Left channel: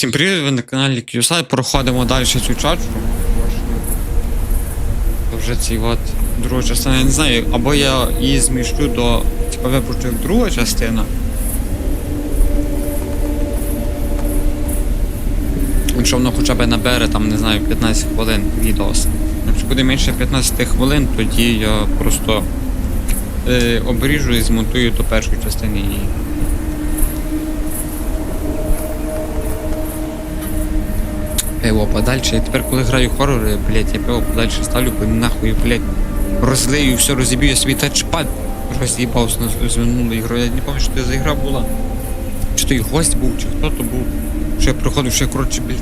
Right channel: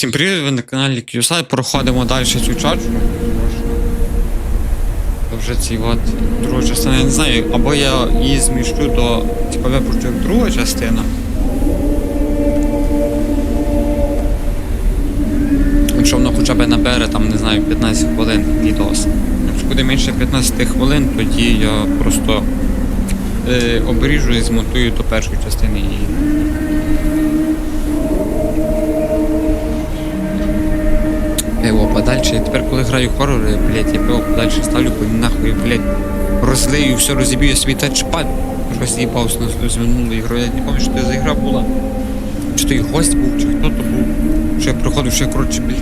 Всім привіт, ви на каналі QSI. Проходимо далі цю чачку. Це вже ці от друга частина, я не знаю, або я її зміщу до типу випущу друга частина. Якщо воно хоча б набере там, не знаю, 15 хвилин відос. Якщо буде менше 15 хвилин, тоді я просто е, обріжу і змонтую до першої частини її. Пиво подальше. Я тепер, коли граю хоррори, блять, я пиво подальше ставлю, бо нахуй, блять, розлию, все розіб'ю, собі тачпад роз'їбався на звернулу ігру. Я не пам'ятаю, що це за ігра була. Чи то і гость був, чи хто то був. Що я приходив, що я, коротше, блять,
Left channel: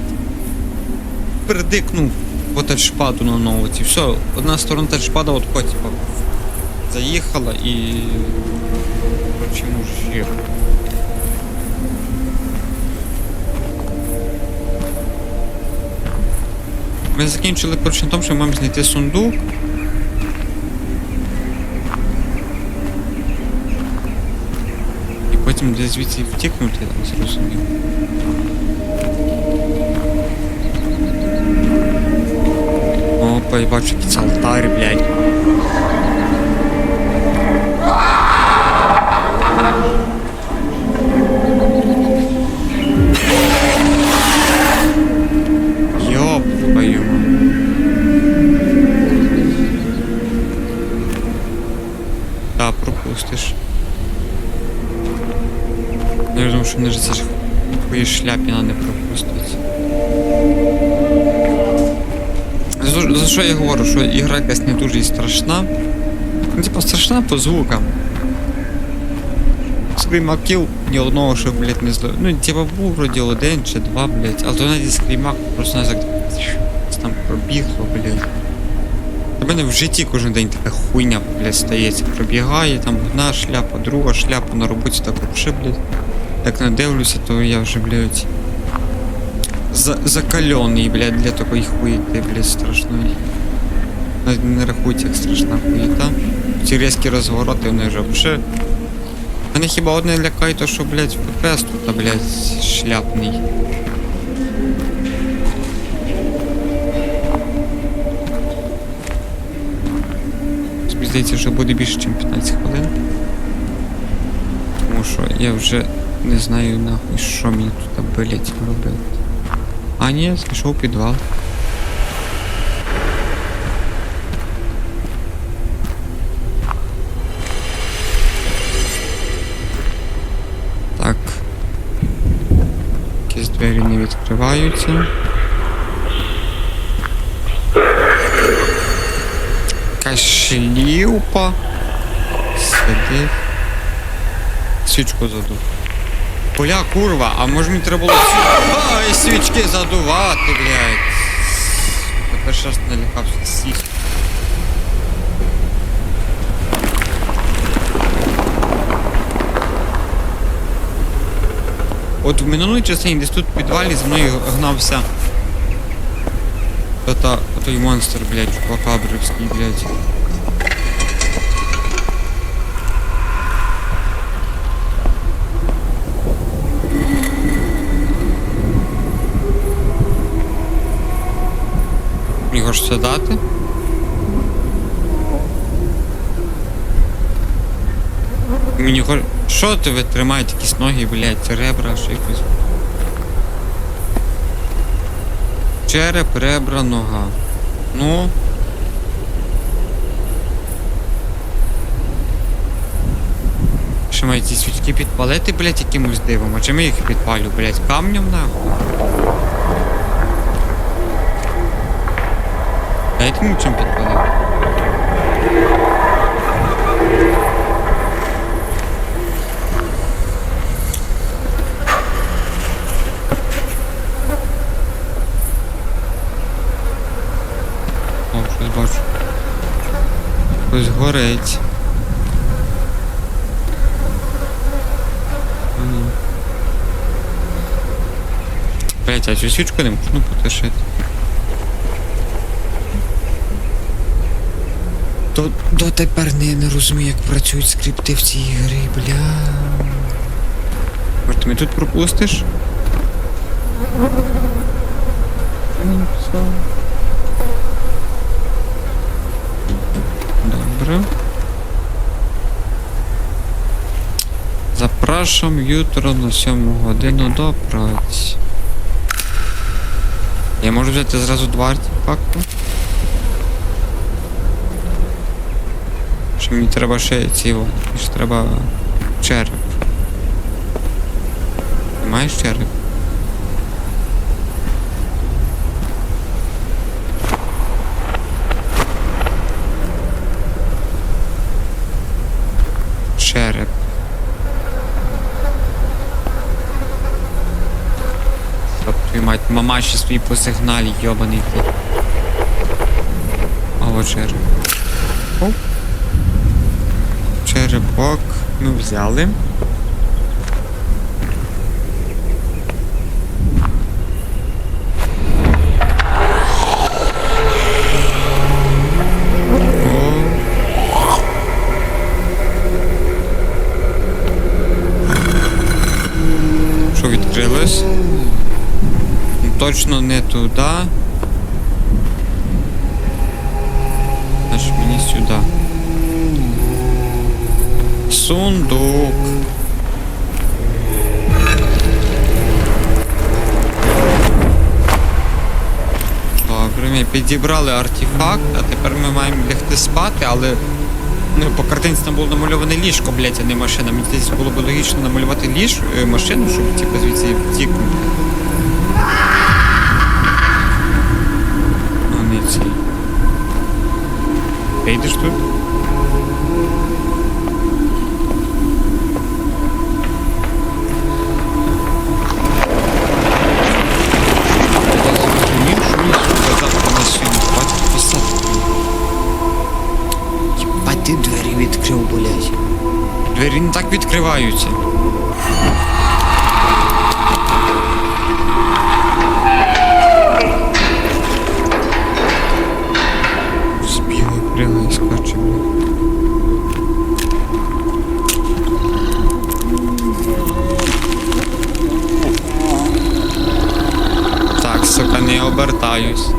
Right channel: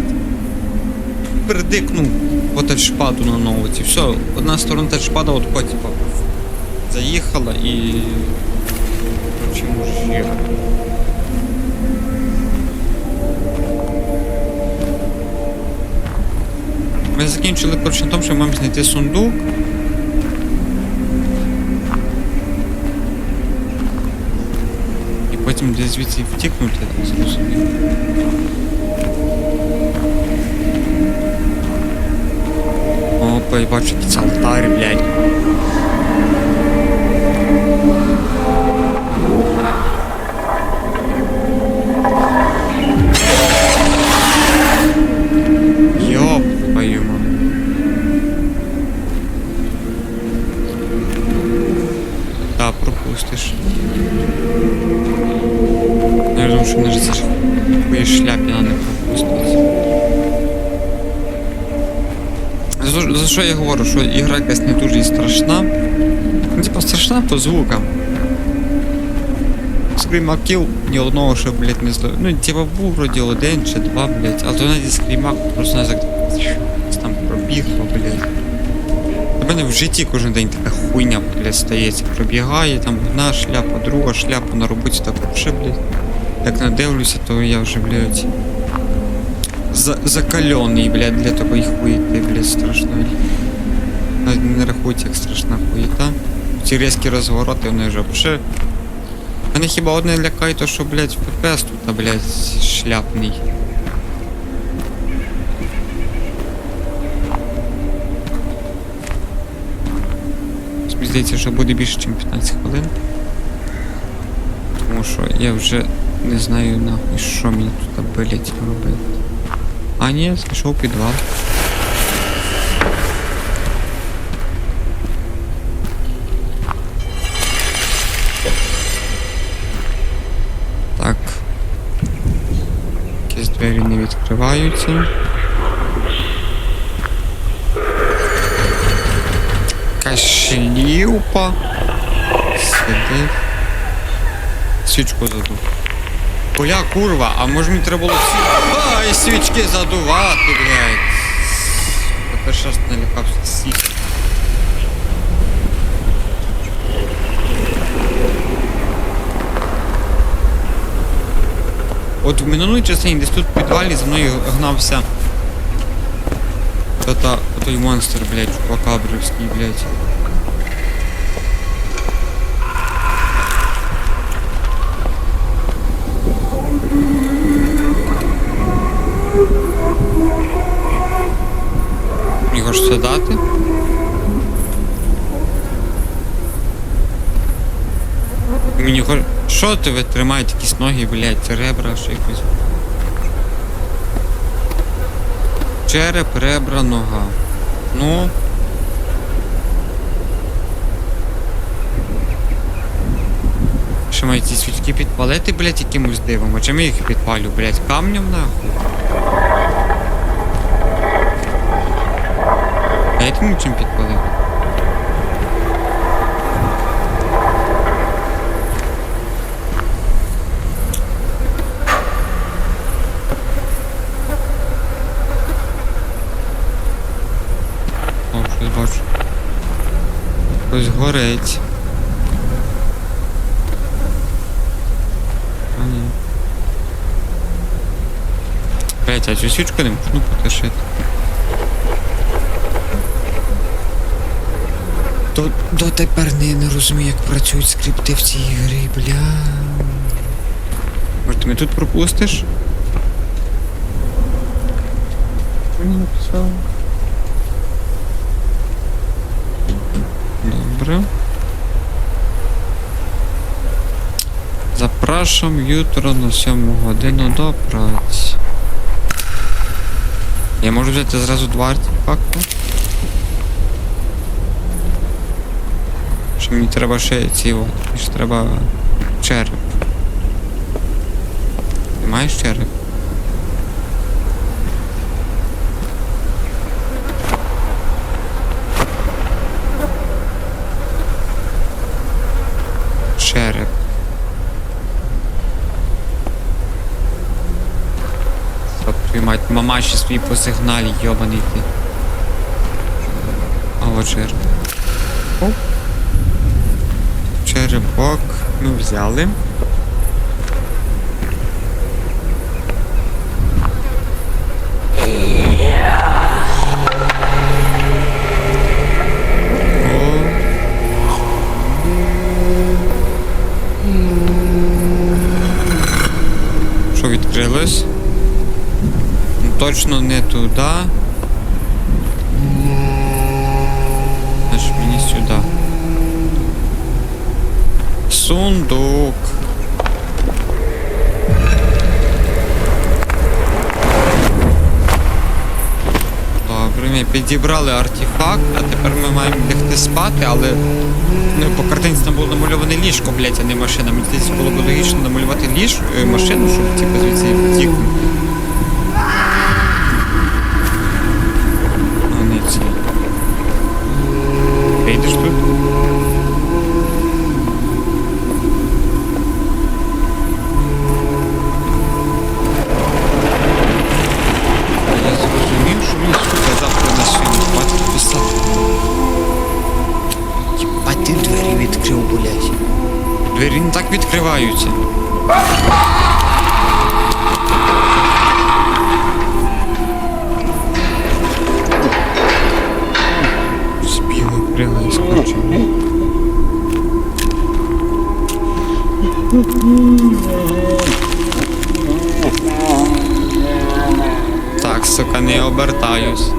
передикнув по тачпаду на ноуті. Все, одна сторона тачпада от по, типа, заїхала і. Коротше, мужик. Ми закінчили коротше на тому, що ми маємо знайти сундук. І потім десь звідси втікнути, я так зрозумів. Опа, я бачу якийсь алтар, блядь. Да, пропустиш. Ну, Я думаю, що не ж це ж хуї шляпіна не пропустить. За, за що я говорю, що ігра якась не дуже страшна. Ну, типа страшна по звукам. Скрімак кіл ні одного, що, блядь, не зло. Ну, типа був вроді один чи два, блядь, але то навіть скрімак просто не так там пробігло, блядь. Мене в житті кожен день така хуйня, блядь, стається. Пробігає, там одна шляпа, друга шляпа на роботі так вообще, блядь. Як надивлюся, то я вже, блядь. За закалений, блядь, для такої хуєти, блядь, страшної. Навіть не рахується як страшна хуєта. Ці різкі розвороти, вони вже вообще. Мене хіба одне лякає, то що, блядь, ППС тут, блядь, шляпний. Здається, що буде більше, ніж 15 хвилин. Тому що я вже не знаю нахуй, що мені тут, блядь, робити. А ні, знайшов підвал. Так. Якісь двері не відкриваються. Якась шлюпа. Сидить. Свічку задув. Бля, курва, а може мені треба було. Ай, свічки задувати, блядь. Тепер щас налякався сість. От в минулій частині десь тут в підвалі за мною гнався. Та-та, монстр, блядь, чупакабрівський, блядь. Його ж дати? Мені хоч... Що ти ви тримаєте якісь ноги, блядь, ребра, що якось. Череп, ребра, нога. Ну. Що мають ці свічки підпалити, блять, якимось дивом? А чи ми їх підпалю, блять, Камнем нахуй? Дайте мені чим підпалити. О, щось бачу. Щось горить. А. Блять, а цю свічку не можна потушити. До, дотепер не, не розумію, як працюють скрипти в цій грі, бля. Може ти мене тут пропустиш? Він написав? Добре. Запрашam jutro на 7 годину до праці. Я можу взяти зразу два артефакти? Що мені треба ще ці от. Мені ж треба череп. Ти маєш череп? Череп. Щоб твою мать, мама ще по сигналі, йобаний ти. А череп. Оп. Черепок ми взяли. Ну, Точно не туди. Значить мені сюди. Сундук. Ми підібрали артефакт, а тепер ми маємо лягти спати, але ну, по картинці там було намальоване ліжко, блять, а не машина. Мені здається, було б логічно намалювати ліж, е, машину, щоб типу, звідси втікнути. Ну, не цей. Вийдеш тут? Відкрив, блядь. Двері не так відкриваються. Збігай, пригай, скочимо. Так, сука, не обертаюсь.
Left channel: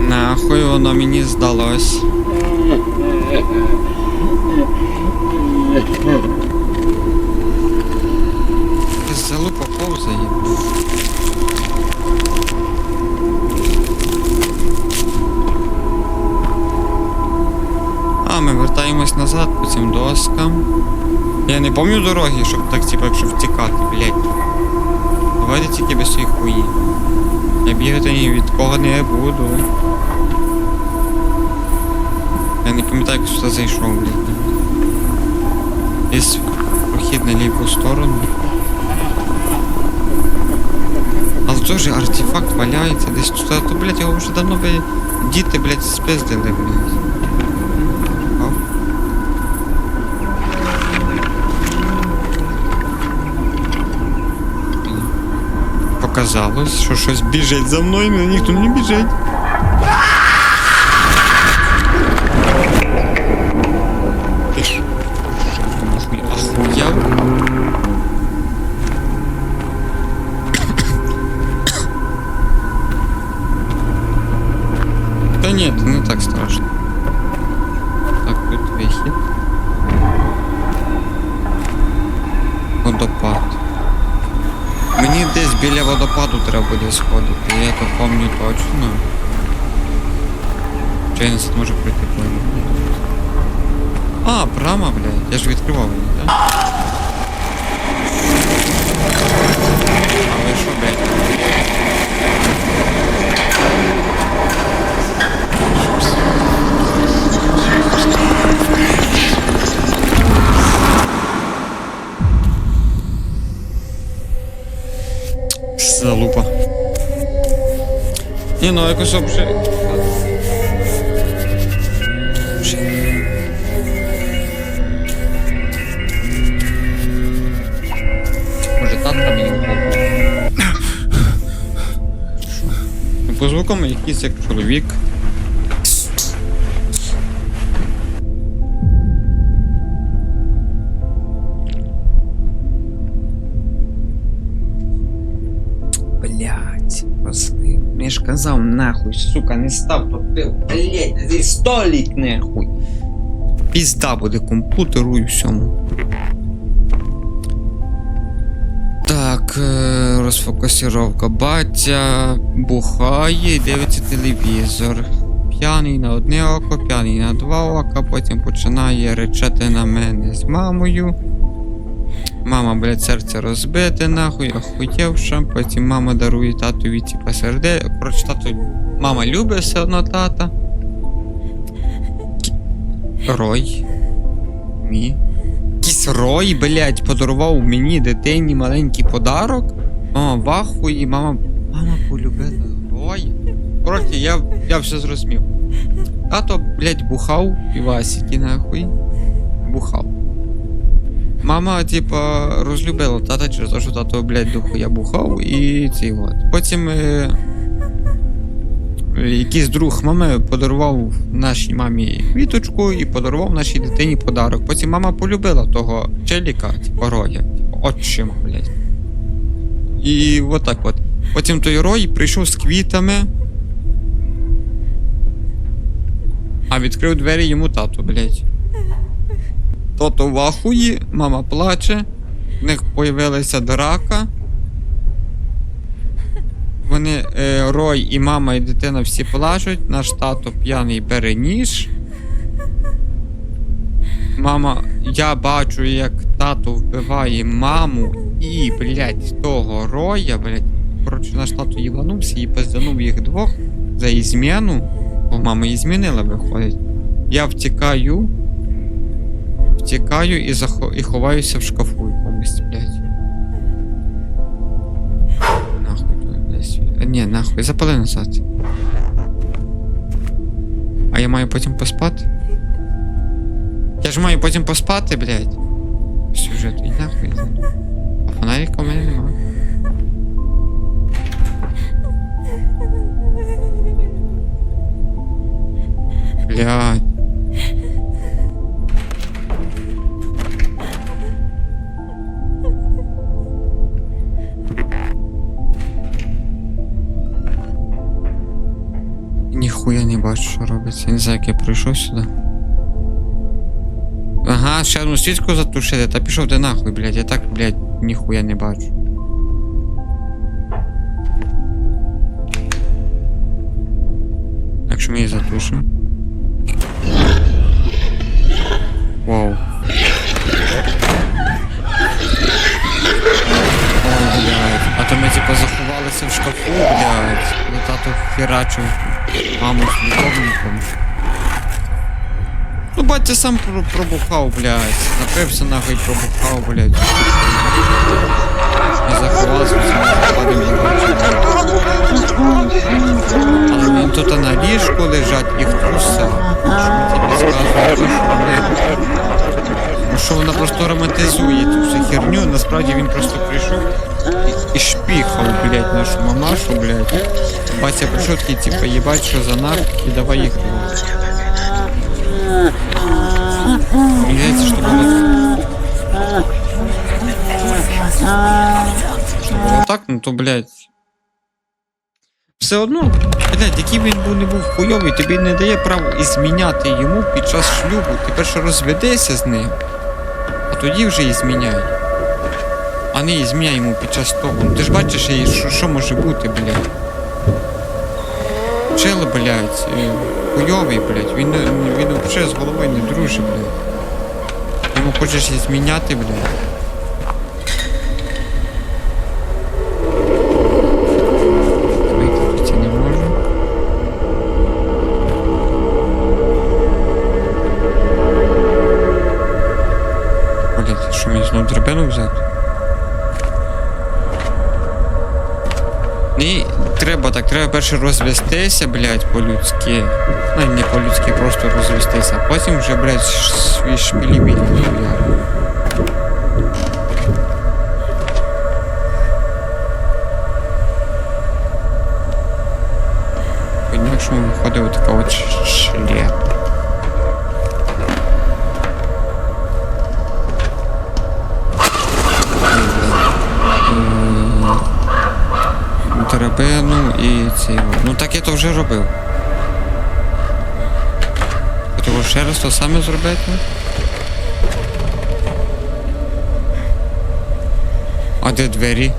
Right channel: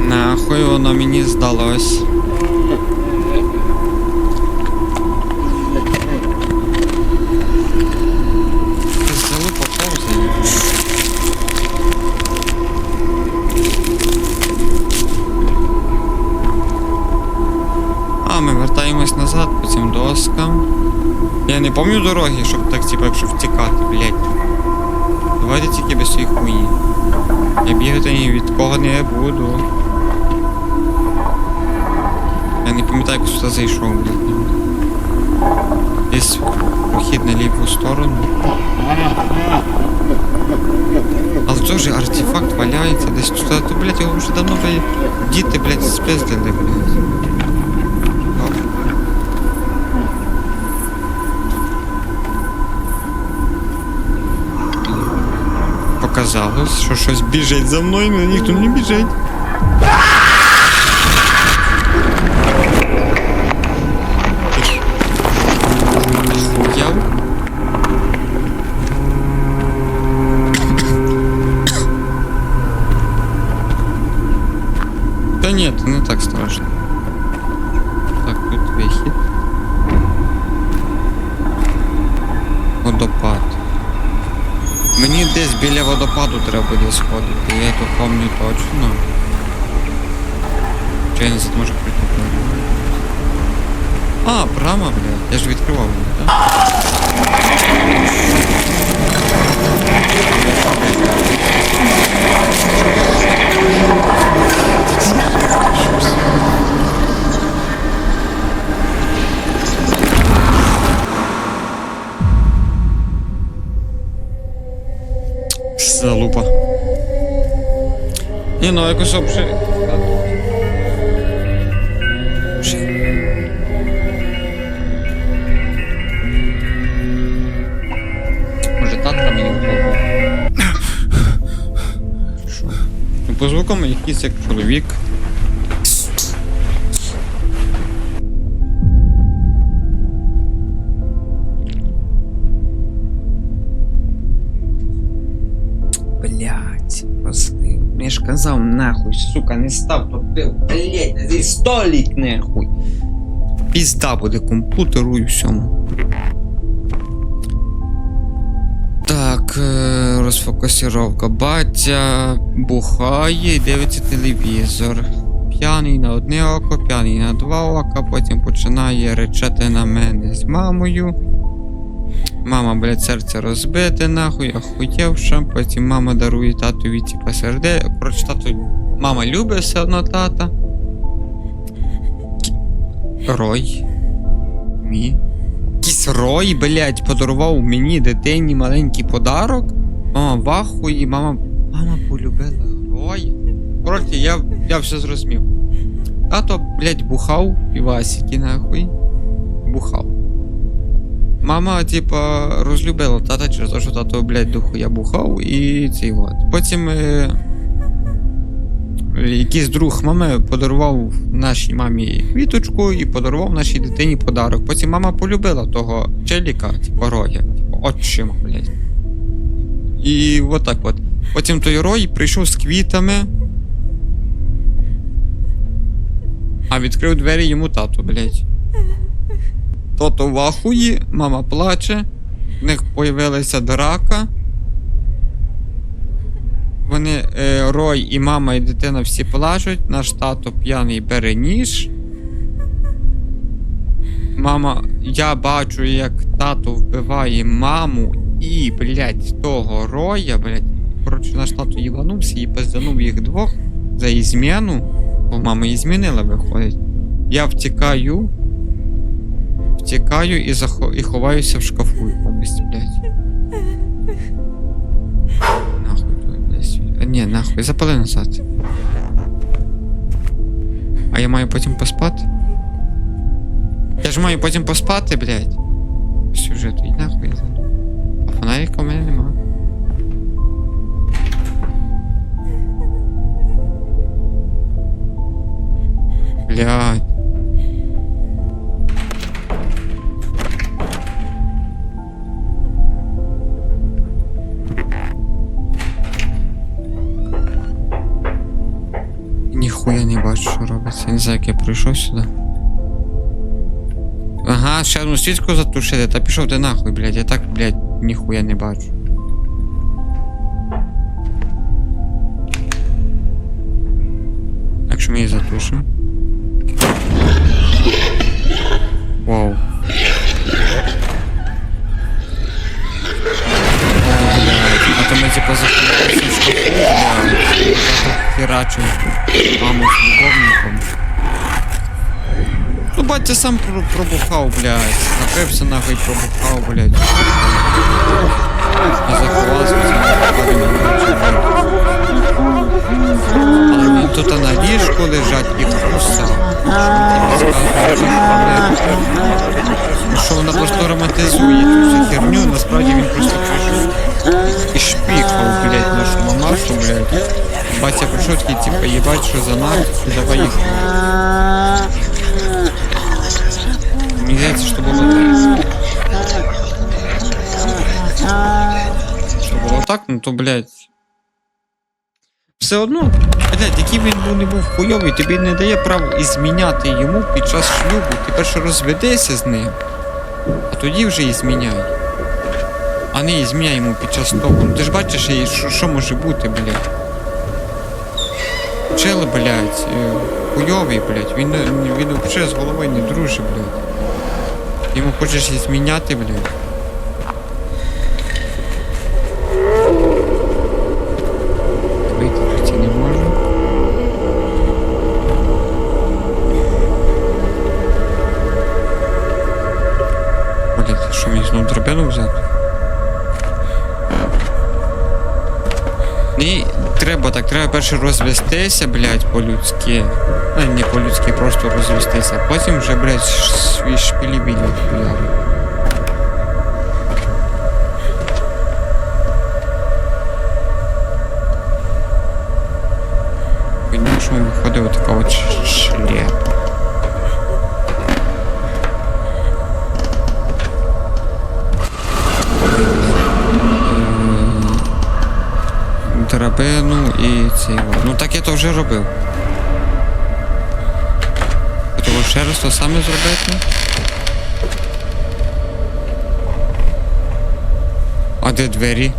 Нахуй воно мені здалось. Залупа повзає. А, назад по цим доскам. Я не пам'ятаю дороги, щоб так, типа, якщо втікати, блядь. Давайте тільки без цієї хуї. Я бігати ні від кого не буду. Я не пам'ятаю, як сюди зайшов, блядь. Є прохід на ліву сторону. Але теж артефакт валяється десь тут. А то, блядь, його вже давно би діти, блядь, спиздили, блядь. Оп. Показалось, що щось біжить за мною, але ніхто не біжить. Водопад. Мені десь біля водопаду треба буде сходити, я то помню точно. Чи я не зможу пройти прямо? А, прямо, блядь. Я ж відкривав її, так? Але що, блядь? Залупа. Ні, ну якось обше. Може татка мені? Що? Ну, по звукам якийсь як чоловік. Ж казав, нахуй, сука, не став топив, блядь, зі столик нахуй. Пізда буде комп'ютеру і всьому. Так, е, розфокусировка. Батя бухає і дивиться телевізор. П'яний на одне око, п'яний на два ока, потім починає речати на мене з мамою. Мама, блядь, серце розбите, нахуй, охуєвша. Потім мама дарує татові типа серде. Коротше, тато. Мама любить все одно тата. Рой. Мі. Якийсь рой, блядь, подарував мені дитині маленький подарок. Мама в ахуї, мама. Мама полюбила рой. Коротше, я, я все зрозумів. Тато, блядь, бухав півасики, нахуй. Бухав. Мама, типа, розлюбила тата через те, що тато, блядь, дохуя бухав і цей от. Потім е, якийсь друг мами подарував нашій мамі квіточку і подарував нашій дитині подарок. Потім мама полюбила того челіка, типа роя, типа, отчима, блядь. І от так от. Потім той рой прийшов з квітами. А відкрив двері йому тато, блядь. Тото в ахуї, мама плаче, в них появилася драка. Вони, е, Рой і мама, і дитина всі плачуть, наш тато п'яний бере ніж. Мама, я бачу, як тато вбиває маму і, блядь, того роя, блядь. Коротше, наш тато їбанувся і пизданув їх двох за ізміну, бо мама її змінила, виходить. Я втікаю. Втікаю і, захо... і ховаюся в шкафу якомусь, блядь. Нахуй твой, блядь. А, ні, нахуй, запали назад. А я маю потім поспати? Я ж маю потім поспати, блядь. Сюжет, і нахуй. А фонарика у мене нема. Блядь. Бачу, що робиться. Я не знаю, як я прийшов сюди. Ага, ще одну свічку затушити, та пішов ти нахуй, блядь. Я так, блядь, ніхуя не бачу. Так що ми її затушимо. Вау. То ми типа заховалися в шкафу, блядь. І Тато херачив маму з любовником. Ну, батя сам пробухав, блядь. Напився нахуй пробухав, блядь. І заховався в цьому випадку, не бачив. Але він тут на ліжку лежать і кусав. Що тобі сказали? Ну що вона просто романтизує цю всю херню, насправді він просто прийшов і шпіхав, блядь, нашу мамашу, блядь. Батя прийшов такий, типа, їбать, що за наркотики, давай їх. Мені здається, що було так. Що було так, ну то, блядь. Все одно, блядь, який він був не був хуйовий, тобі не дає право і зміняти йому під час шлюбу. Ти перше розведешся з ним, тоді вже і зміняй. А не і зміняй йому під час того. Ну ти ж бачиш, що, що може бути, блядь. Чел, блядь, е, хуйовий, блядь, він, він взагалі з головою не дружить, блядь. Йому хочеш і зміняти, блядь. Вийти тут я не можу. Блядь, що мені знову драбину взяти? Ні, треба так, треба перше розвестися, блядь, по-людськи. Ну, не по-людськи, просто розвестися, а потім вже, блядь, ш- свій шпілі-білі хуяру. По-іншому виходить отака от шляпа. Драбину і цей. о. Ну так я то вже робив. Того ще раз то саме зробити. А де двері?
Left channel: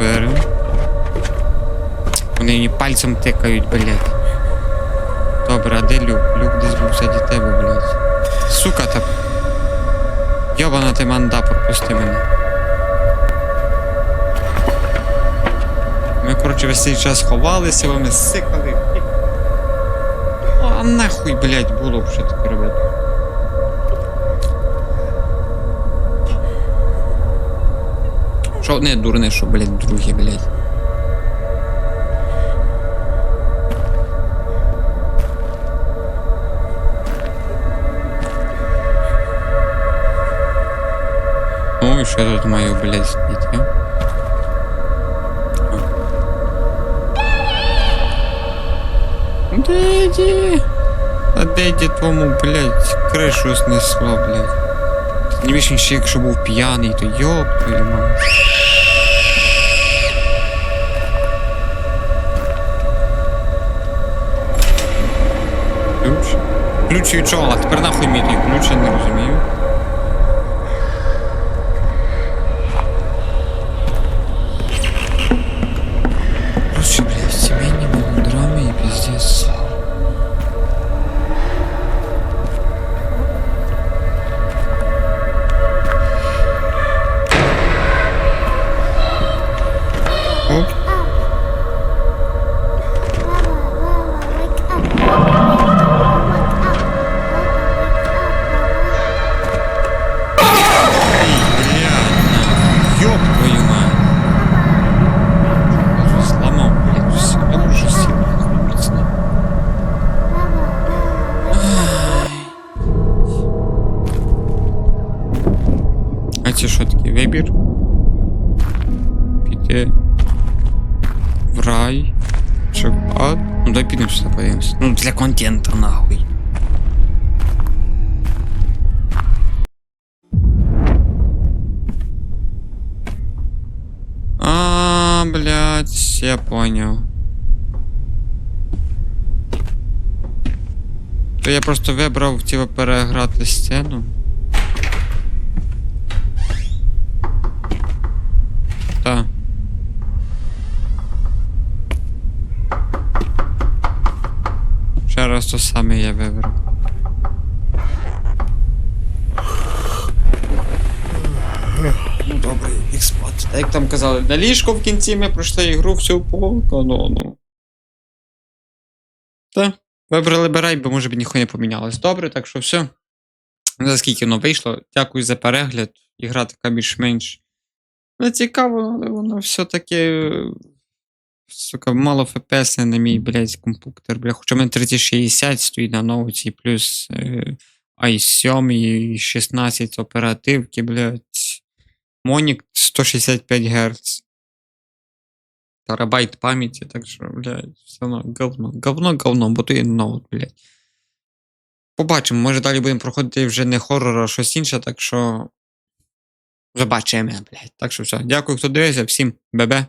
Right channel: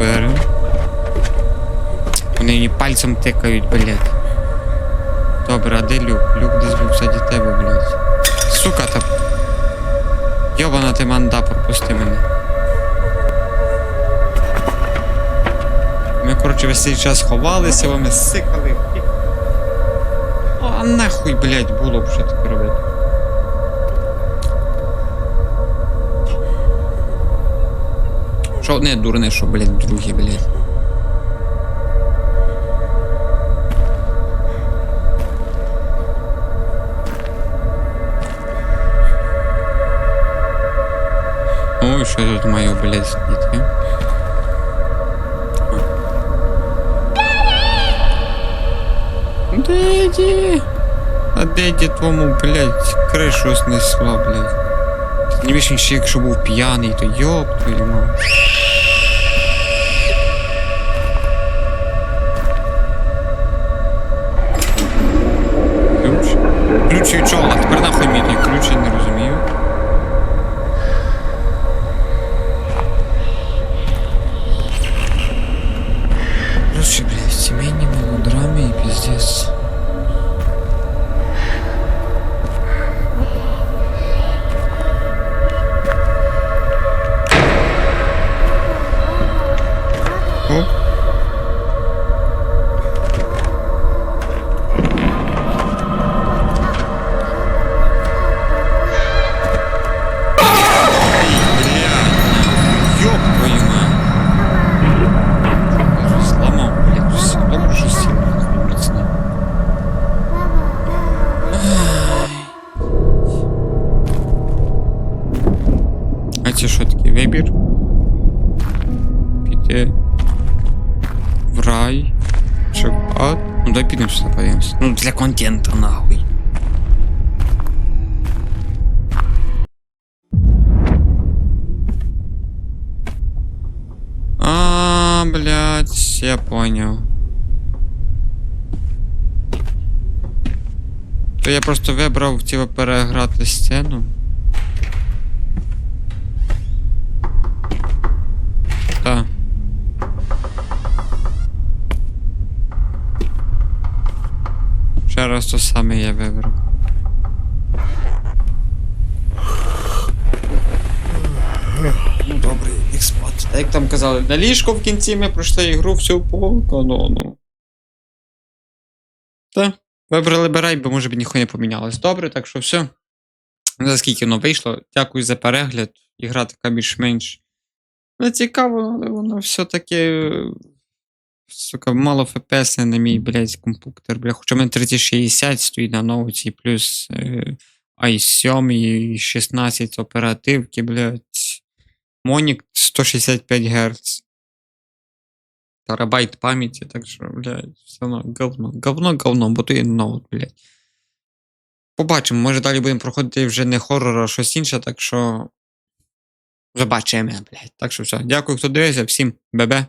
Берем. Вони мені пальцем тикають, блядь. Добре, а де люк? Люк десь був ззаді тебе, блядь. Сука та. Йобана ти манда, пропусти мене. Ми, коротше, весь цей час ховалися, ми сикали. А нахуй, блядь, було б що таке робити. Що одне дурне, що, блядь, друге, блядь. Ой, що я тут маю, блядь, сидіти? Деді! А деді твому, блядь, кришу снесло, блядь. Не більше, ще якщо був п'яний, то йоп твою мать. Ключ? Ключ від чого? А тепер нахуй мій той ключ, я не розумію. Піти в рай. В ад? Ну дай підемо сюди подивимось. Ну для контента нахуй. А, блядь, я понял. То я просто вибрав типу, переграти сцену. Ще то саме я вибрав. Ну добре, їх спати. Як там казали, на ліжко в кінці ми пройшли ігру всю по канону. Та, вибрали Берай, бо може б ніхто не помінялось. Добре, так що все. Не знаю, скільки воно вийшло. Дякую за перегляд. Ігра така більш-менш. Не цікаво, але воно все-таки. е, Сука, мало FPS на мій, блядь, комп'ютер, бля. Хоча в мене 3060 стоїть на ноуті, плюс е, i7 і 16 оперативки, блядь. Монік 165 Гц. Терабайт пам'яті, так що, блядь, все одно говно. Говно, говно, бо то є ноут, блядь. Побачимо, може далі будемо проходити вже не хоррор, а щось інше, так що. Побачимо, блядь. Так що все. Дякую, хто дивився, всім бебе.